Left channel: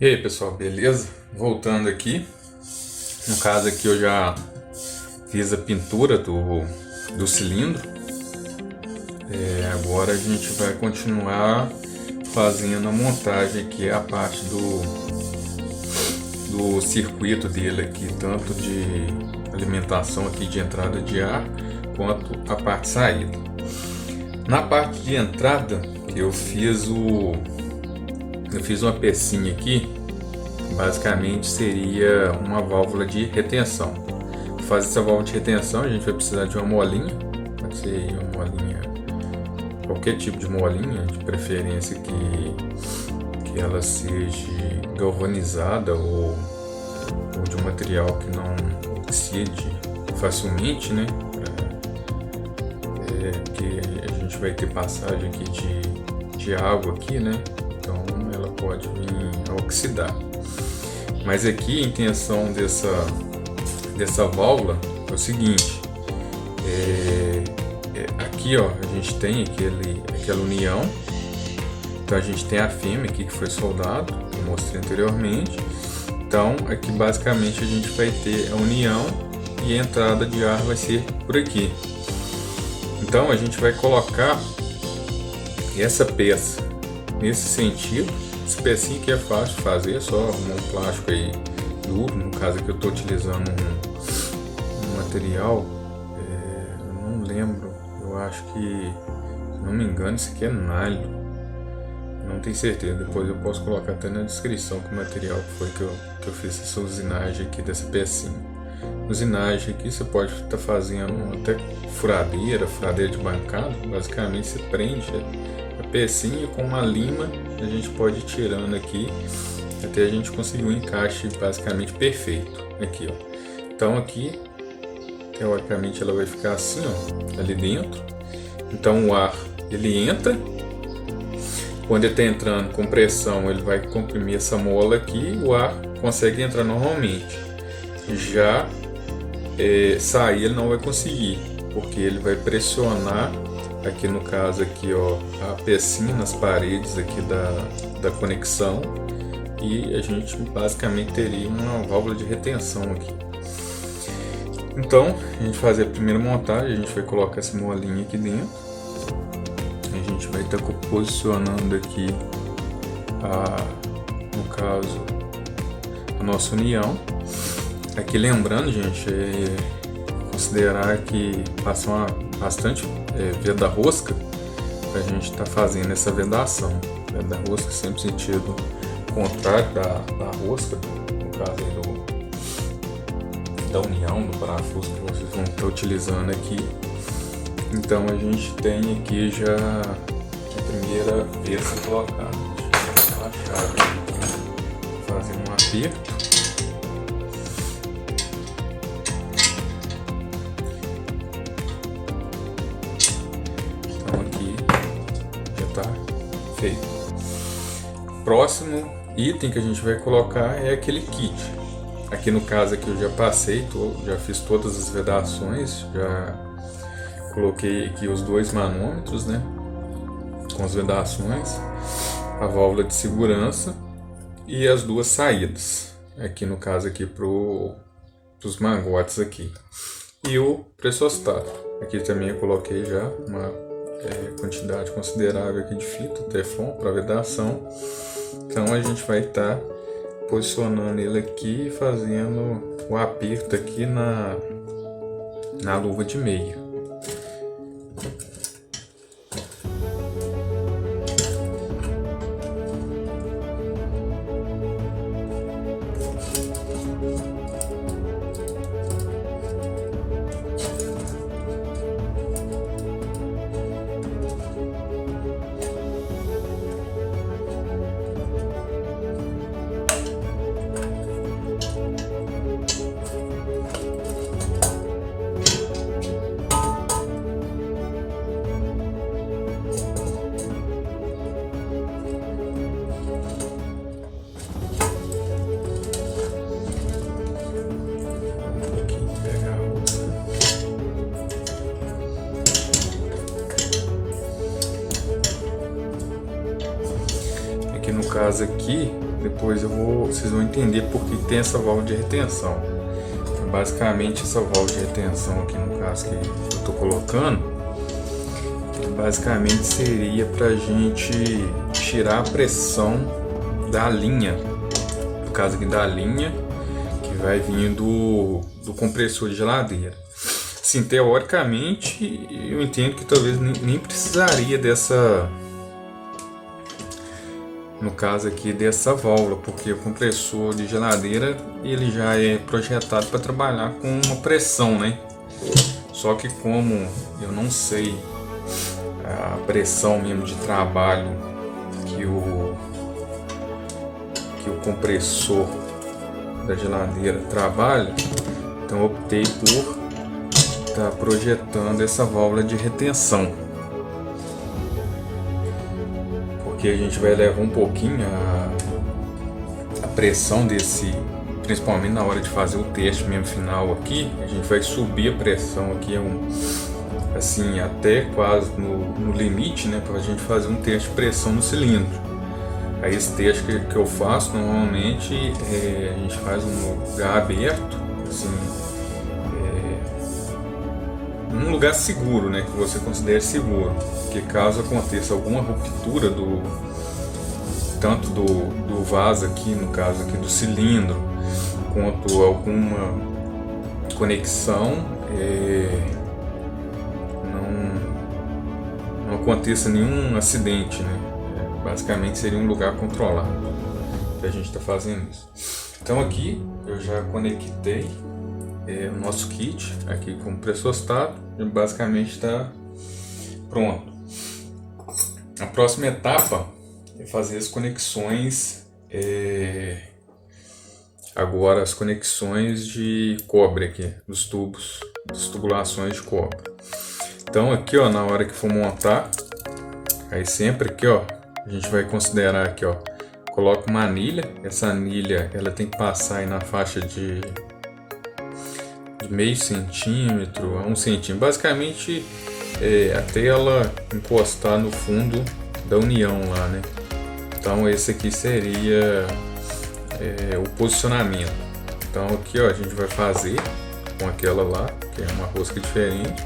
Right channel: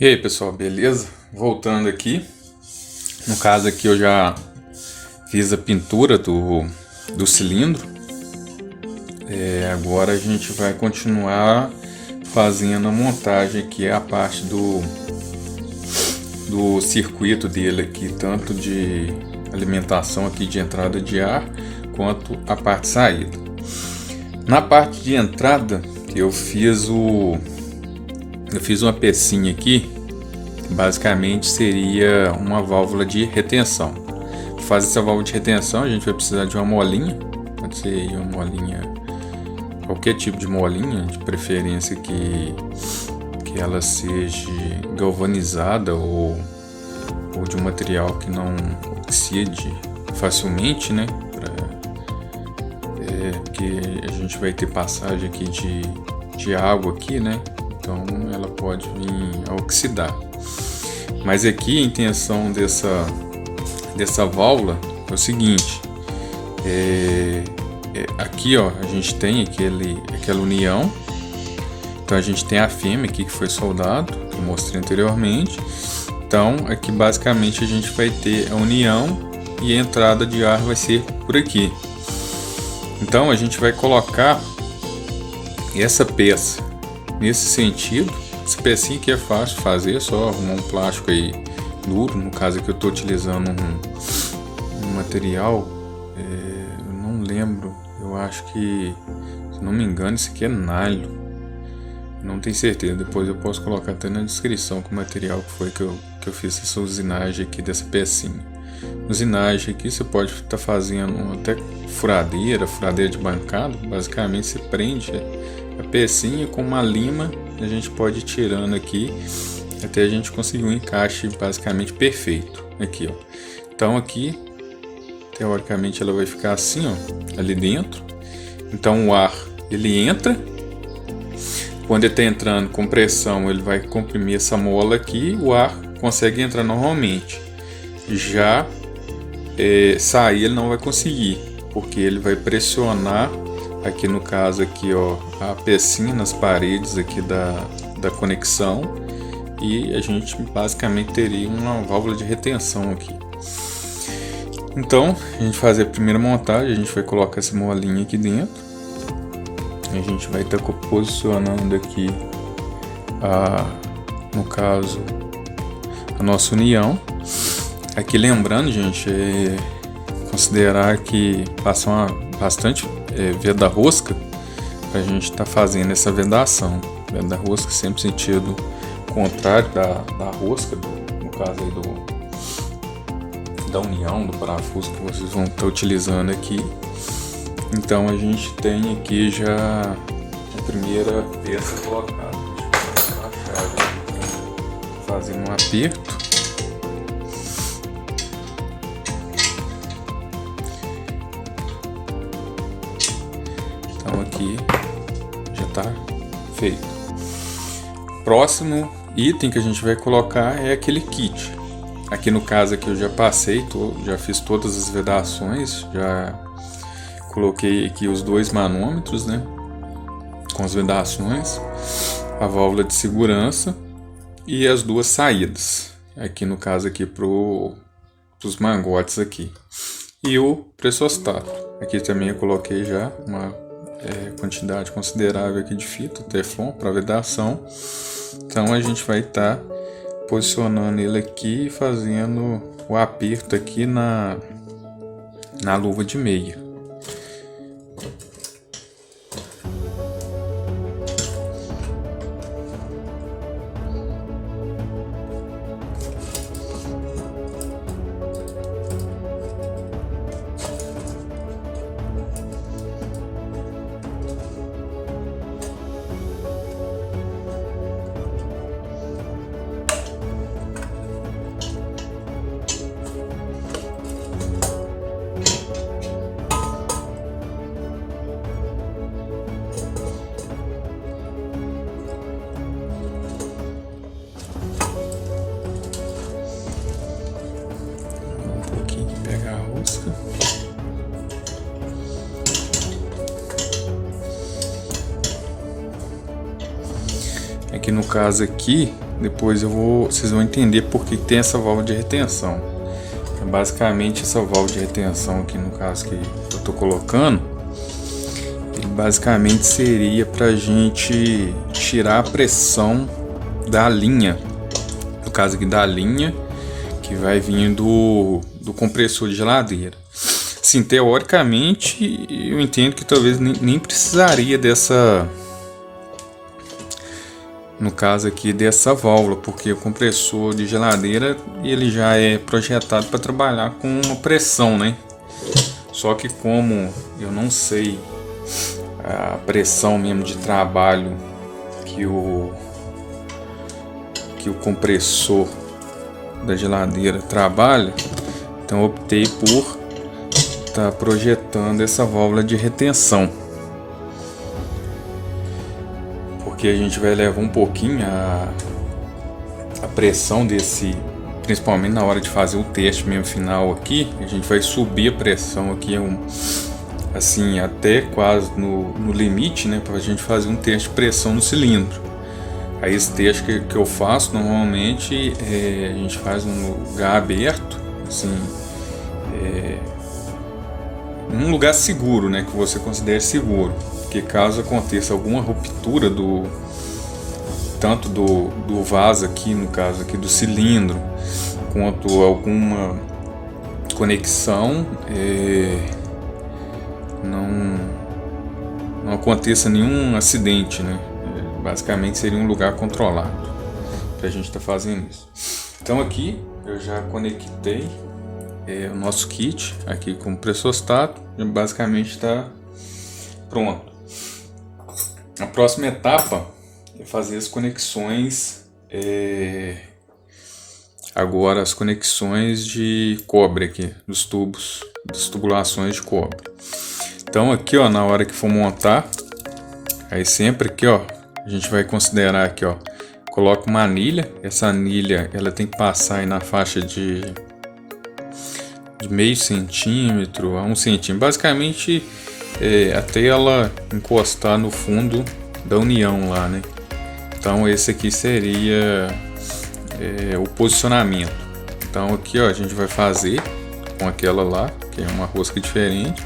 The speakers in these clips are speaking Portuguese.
E aí pessoal, beleza? Voltando aqui, no caso aqui eu já fiz a pintura do cilindro. Agora a gente vai continuar fazendo a montagem aqui, a parte do circuito dele aqui, tanto de alimentação aqui de entrada de ar, quanto a parte de saída. Na parte de entrada eu fiz uma pecinha aqui, basicamente seria uma válvula de retenção. Para fazer essa válvula de retenção a gente vai precisar de uma molinha, pode ser uma molinha, qualquer tipo de molinha, de preferência que ela seja galvanizada ou de um material que não oxide facilmente, né? Porque a gente vai ter passagem aqui de água aqui, né? Então ela pode vir a oxidar. Mas aqui a intenção dessa válvula é o seguinte: aqui ó, a gente tem aquela união. Então a gente tem a fêmea aqui que foi soldado, que eu mostrei anteriormente. Então aqui basicamente a gente vai ter a união e a entrada de ar vai ser por aqui. Então a gente vai colocar essa peça nesse sentido. Essa pecinha aqui é fácil de fazer, só arrumar um plástico aí duro. No caso aqui eu estou utilizando um material, eu não lembro, eu acho que, se não me engano, isso aqui é nylon, não tenho certeza, depois eu posso colocar até na descrição que o material que foi que eu fiz essa usinagem aqui dessa pecinha. Usinagem aqui você pode estar fazendo até furadeira de bancada. Basicamente você prende a pecinha com uma lima, a gente pode ir tirando aqui até a gente conseguir um encaixe basicamente perfeito aqui, ó. Então aqui teoricamente ela vai ficar assim, ó, ali dentro. Então o ar ele entra, quando ele está entrando com pressão ele vai comprimir essa mola aqui, o ar consegue entrar normalmente. Já sair ele não vai conseguir, porque ele vai pressionar aqui, no caso aqui, ó, a pecinha nas paredes aqui da conexão, e a gente basicamente teria uma válvula de retenção aqui. Então a gente fazer a primeira montagem, a gente vai colocar essa molinha aqui dentro, a gente vai estar posicionando aqui no caso a nossa união. Aqui lembrando, gente, considerar que passa bastante veda rosca para a gente estar fazendo essa vedação. Veda rosca sempre sentido contrário da rosca, no caso aí da união do parafuso que vocês vão estar utilizando aqui. Então a gente tem aqui já a primeira peça colocada. Fazer um aperto. Aqui já está feito. Próximo item que a gente vai colocar é aquele kit. Aqui no caso aqui eu já passei, já fiz todas as vedações, já coloquei aqui os dois manômetros, né, com as vedações, a válvula de segurança e as duas saídas. Aqui no caso aqui os mangotes aqui e o pressostato. Aqui também eu coloquei já uma quantidade considerável aqui de fita Teflon para vedação. Então a gente vai estar posicionando ele aqui e fazendo o aperto aqui na luva de meia. Aqui no caso aqui depois vocês vão entender por que tem essa válvula de retenção. Então, basicamente essa válvula de retenção aqui no caso que eu estou colocando, ele basicamente seria para a gente tirar a pressão da linha, no caso aqui da linha que vai vir do compressor de geladeira. Sim, teoricamente eu entendo que talvez nem precisaria dessa, no caso aqui dessa válvula, porque o compressor de geladeira ele já é projetado para trabalhar com uma pressão, né? Só que como eu não sei a pressão mesmo de trabalho que o compressor da geladeira trabalha, então eu optei por estar projetando essa válvula de retenção, porque a gente vai levar um pouquinho a pressão desse, principalmente na hora de fazer o teste mesmo final aqui, a gente vai subir a pressão aqui assim até quase no limite, né, para a gente fazer um teste de pressão no cilindro. Aí esse teste que eu faço normalmente a gente faz num lugar aberto, assim, num lugar seguro, né, que você considere seguro, porque caso aconteça alguma ruptura tanto do vaso aqui, no caso aqui do cilindro, quanto alguma conexão, não aconteça nenhum acidente, né? Basicamente seria um lugar controlado que a gente está fazendo isso. Então aqui eu já conectei o nosso kit aqui com o pressostato, e basicamente está pronto. A próxima etapa é fazer as conexões, agora as conexões de cobre aqui, dos tubos, das tubulações de cobre. Então aqui, ó, na hora que for montar, aí sempre aqui, ó, a gente vai considerar aqui, ó, coloca uma anilha. Essa anilha ela tem que passar aí na faixa de meio centímetro a 1 centímetro, basicamente até ela encostar no fundo da união lá, né? Então esse aqui seria o posicionamento. Então aqui, ó, a gente vai fazer com aquela lá, que é uma rosca diferente.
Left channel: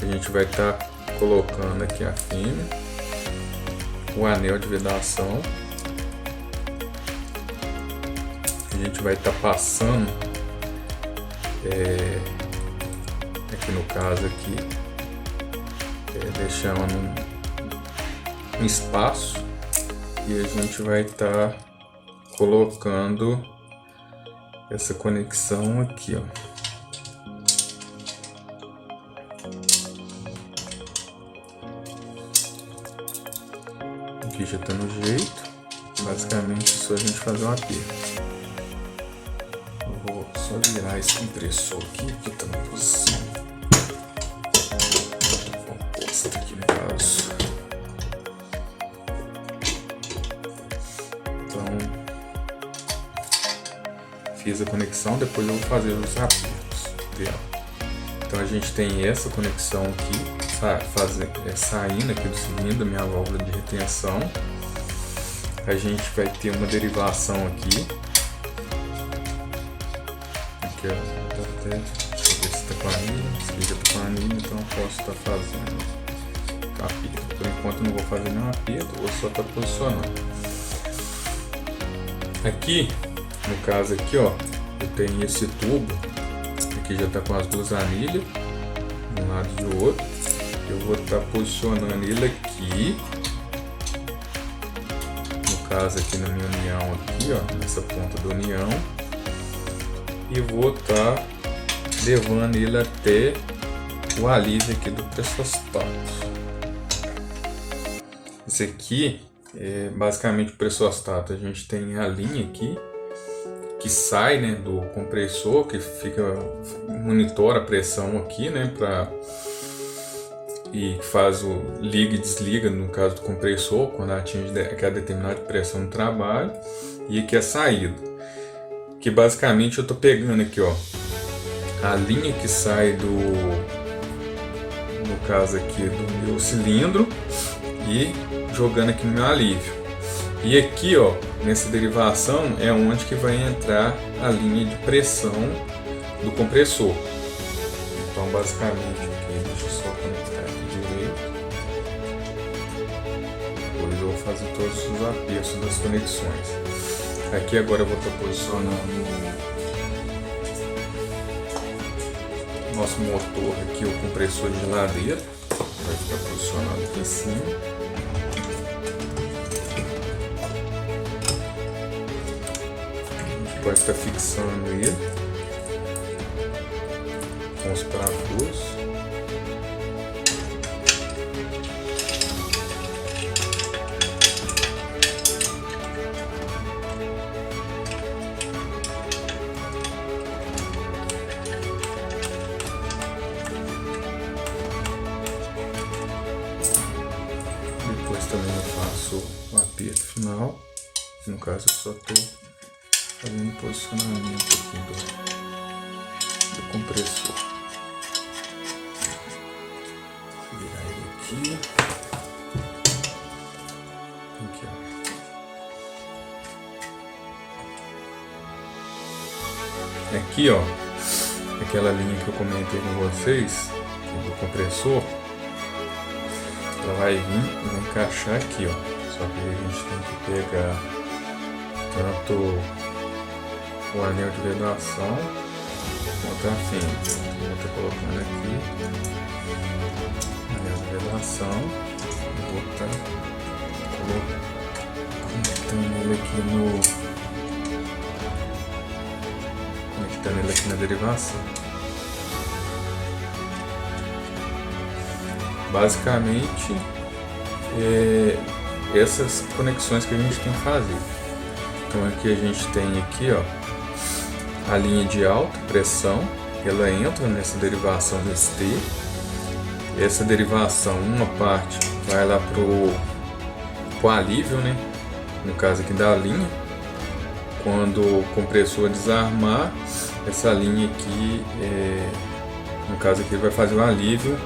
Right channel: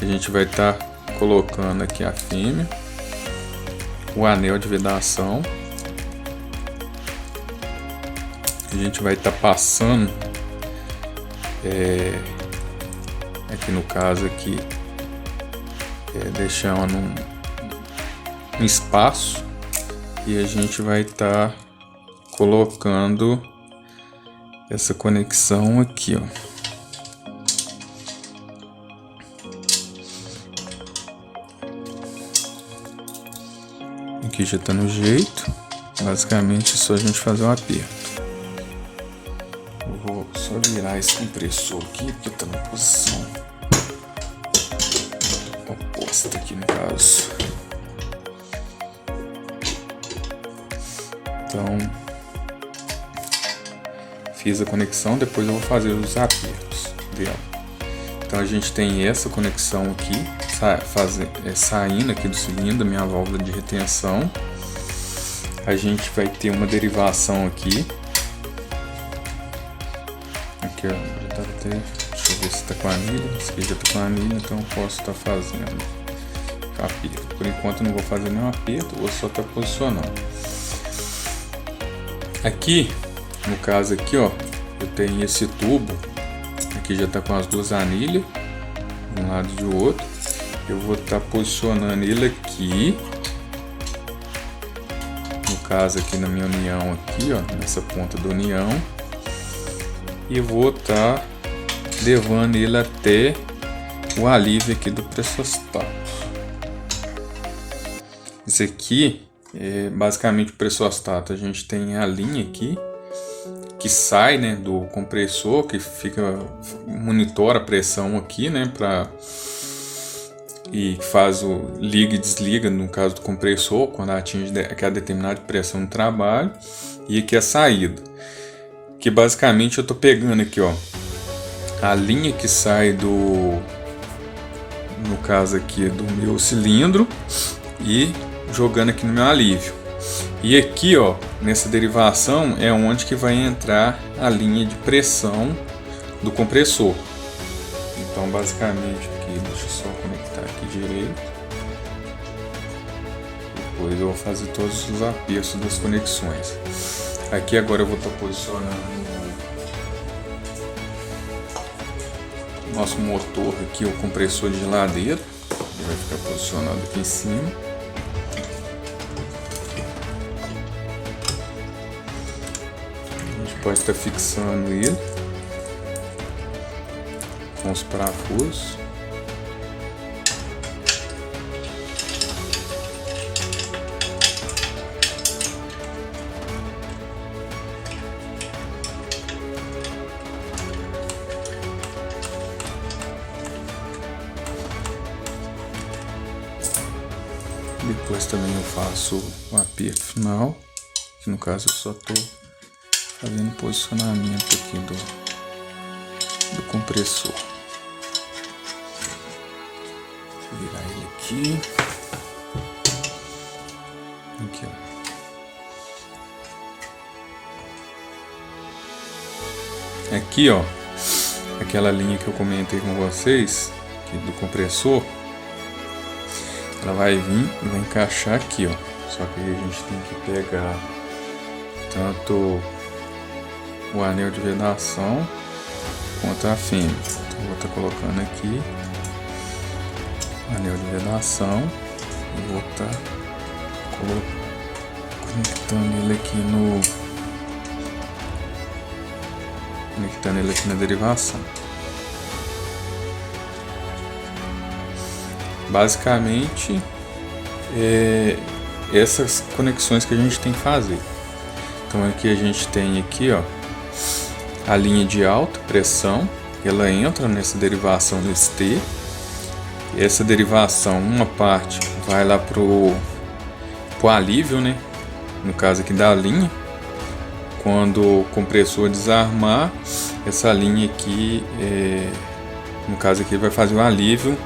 A gente vai estar colocando aqui a fêmea, o anel de vedação. A gente vai estar passando aqui no caso aqui, deixando um espaço, e a gente vai estar colocando essa conexão aqui, ó. Aqui já está no jeito, basicamente é só a gente fazer um aperto. Eu vou só virar esse compressor aqui, porque está na posição oposta aqui no caso. Então, fiz a conexão, depois eu vou fazer os apertos dela. Então a gente tem essa conexão aqui, saindo aqui do cilindro, minha válvula de retenção. A gente vai ter uma derivação aqui. Aqui, ó, deixa eu ver se está com anilha. Esse aqui já está com anilha, então eu posso estar fazendo aperto. Por enquanto eu não vou fazer nenhum aperto, vou só estar posicionando. Aqui, no caso aqui, ó, eu tenho esse tubo. Aqui já está com as duas anilhas, de um lado e do outro. Eu vou estar posicionando ele aqui, no caso aqui na minha união aqui, ó, nessa ponta da união, e vou estar levando ele até o alívio aqui do pressostato. Esse aqui é basicamente o pressostato. A gente tem a linha aqui que sai, né, do compressor, que monitora a pressão aqui, né, e faz o liga e desliga no caso do compressor quando atinge aquela determinada pressão no trabalho. E aqui a saída, que basicamente eu tô pegando aqui, ó, a linha que sai no caso aqui do meu cilindro, e jogando aqui no meu alívio. E aqui, ó, nessa derivação é onde que vai entrar a linha de pressão do compressor. Então, basicamente aqui, deixa eu só conectar aqui direito. Depois eu vou fazer todos os apertos das conexões. Aqui agora eu vou estar posicionando o nosso motor aqui, o compressor de geladeira. Vai ficar posicionado aqui em cima. Pode estar fixando ele com os parafusos. Depois também eu faço o aperto final, que no caso eu só estou fazendo posicionamento aqui do compressor. Vou virar ele aqui. Aqui, ó. Aqui, ó, aquela linha que eu comentei com vocês, aqui do compressor, ela vai vir e vai encaixar aqui, ó. Só que aí a gente tem que pegar tanto o anel de vedação quanto a fêmea. Então, vou estar colocando aqui o anel de vedação e vou estar conectando ele aqui na derivação. Basicamente essas conexões que a gente tem que fazer. Então aqui a gente tem aqui, ó, a linha de alta pressão, ela entra nessa derivação desse T. Essa derivação, uma parte vai lá pro alívio, né? No caso aqui da linha. Quando o compressor desarmar, essa linha aqui, no caso aqui, vai fazer um alívio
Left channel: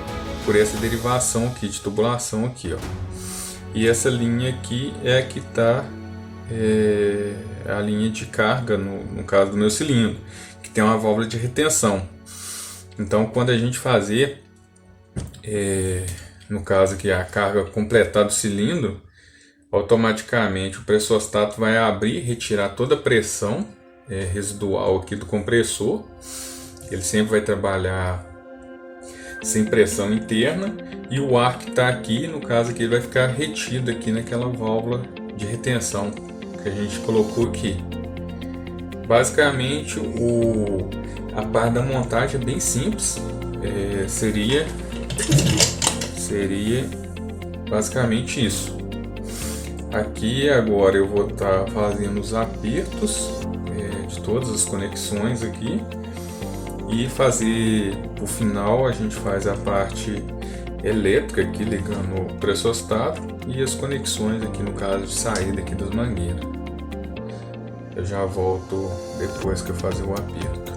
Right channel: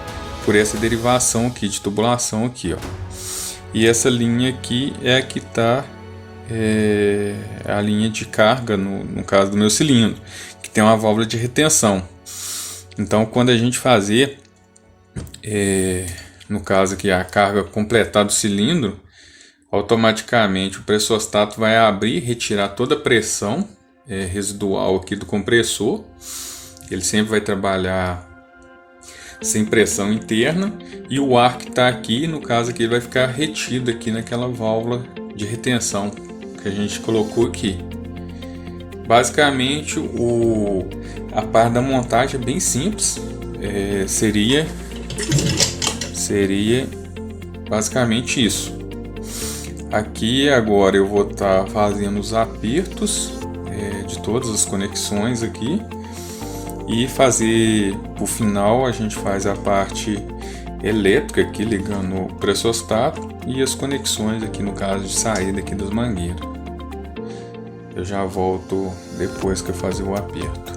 por essa derivação aqui de tubulação aqui, ó. E essa linha aqui é a que está a linha de carga, no caso do meu cilindro, que tem uma válvula de retenção. Então, quando a gente fazer, no caso aqui, a carga completar do cilindro, automaticamente o pressostato vai abrir e retirar toda a pressão residual aqui do compressor. Ele sempre vai trabalhar sem pressão interna, e o ar que está aqui, no caso aqui, ele vai ficar retido aqui naquela válvula de retenção que a gente colocou aqui. Basicamente a parte da montagem é bem simples, seria basicamente isso. Aqui agora eu vou estar fazendo os apertos de todas as conexões aqui, e fazer o final, a gente faz a parte elétrica aqui ligando o pressostato e as conexões aqui no caso de saída aqui das mangueiras. Eu já volto depois que eu fazer o aperto.